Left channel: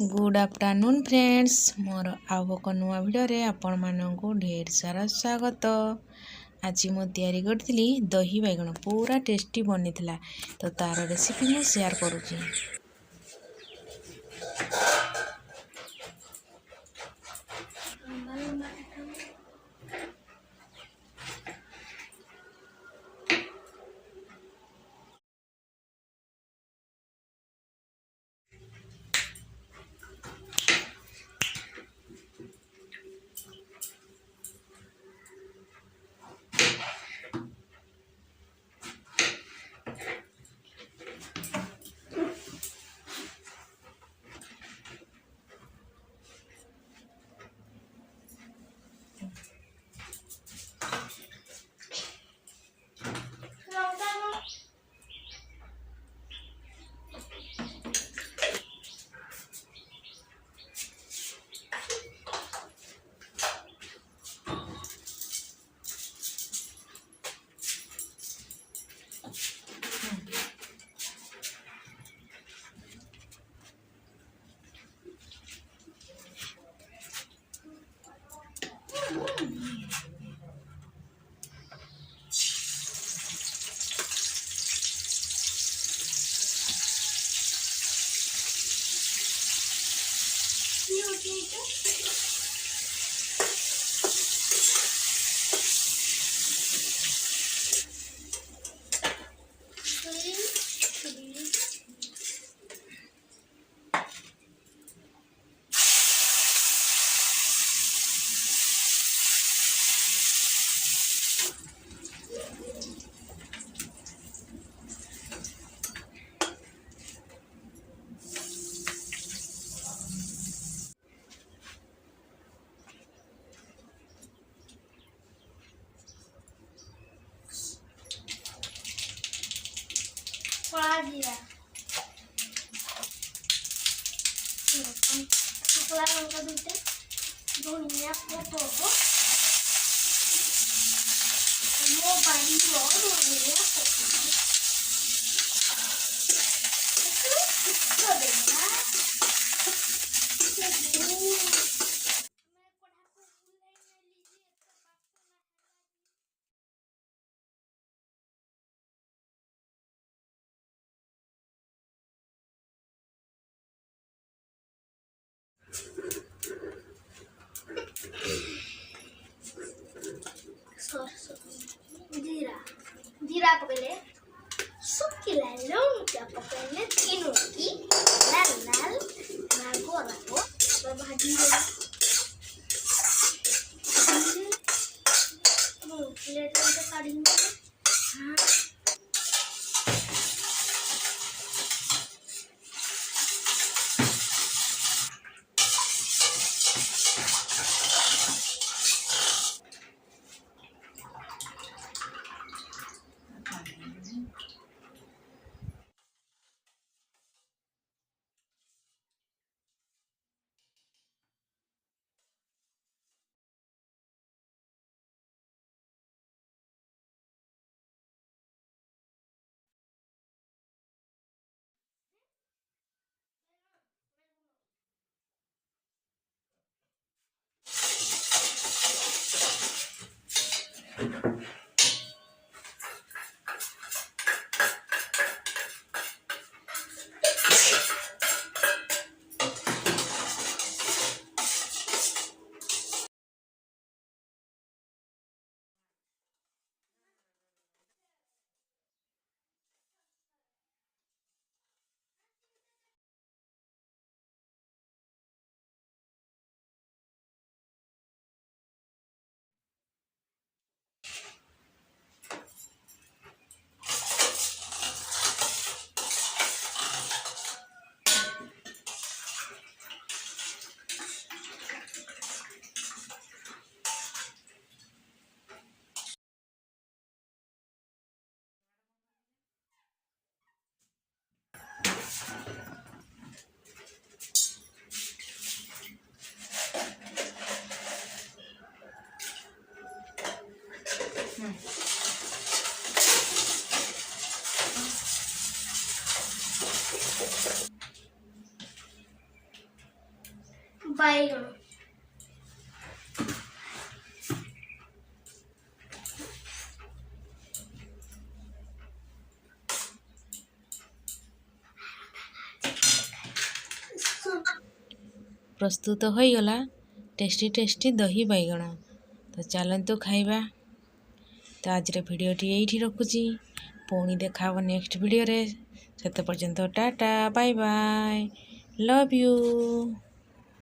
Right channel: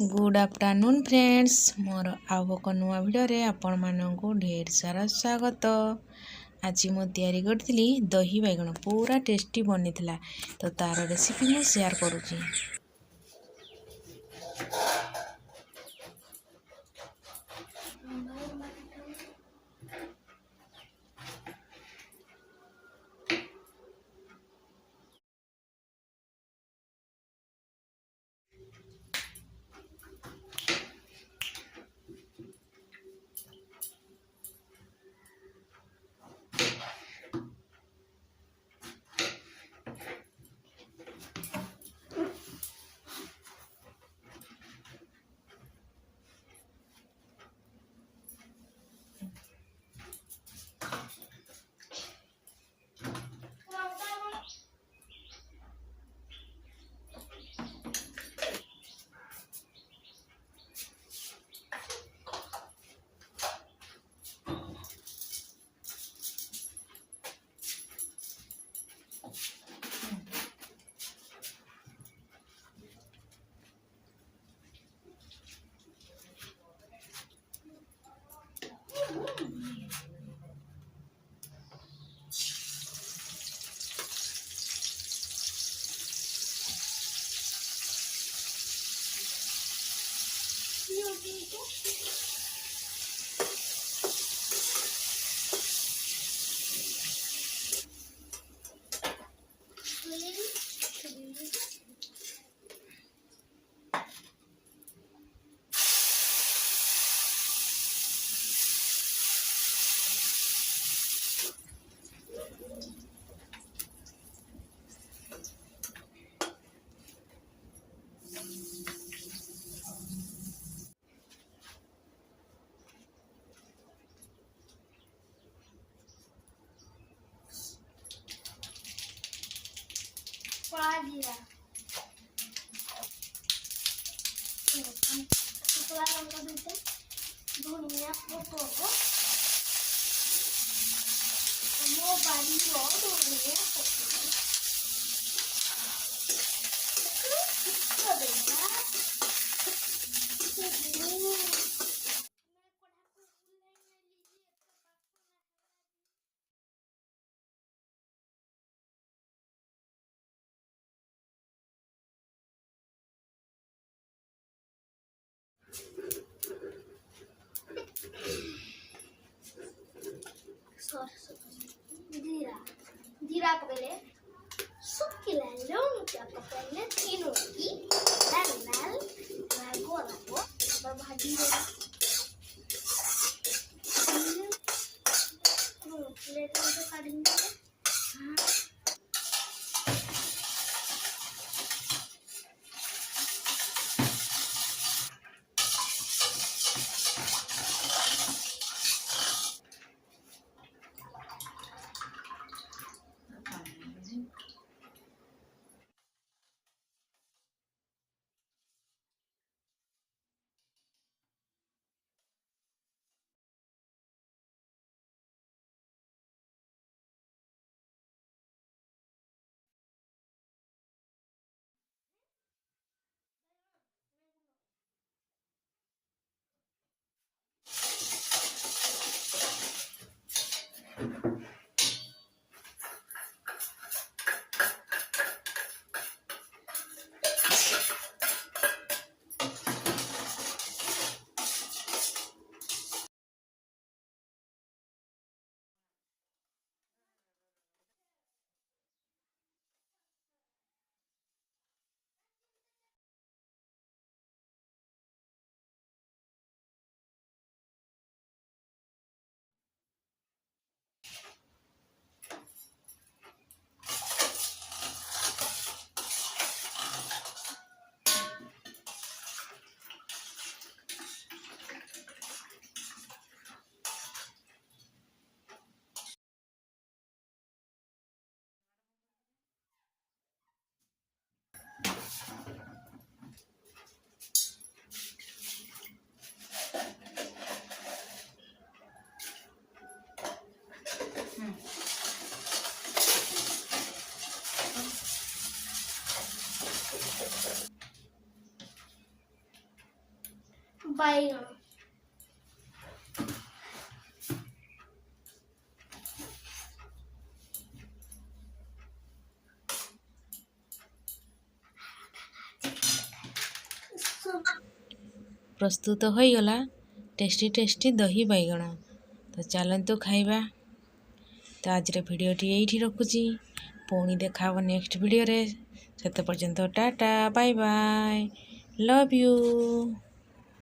Good afternoon friends मोर आउ एक नुआ भिडियो आपण मानू ढेर सारा स्वागत। आज मु तैयारी करी दही बैगण पूरा टेस्टी बनी तो तार रेसिपी मु शेयर करुँची। जीरा जीरा को पहले सुखिला लौंग को पहले तीनों की लाल लाल रागो भाजी प्लेट में काढ़ेंगे। ବାଇଗଣ प्रस्तुत होईगला टेस्टी टेस्टी दही बैगण। तो चलतु खाइबा। तो आज भिडियोटी यही रखुची, पुणी देखा नेक्स्ट भिडियो रे। सेते पर्यंत tata bye bye, love you.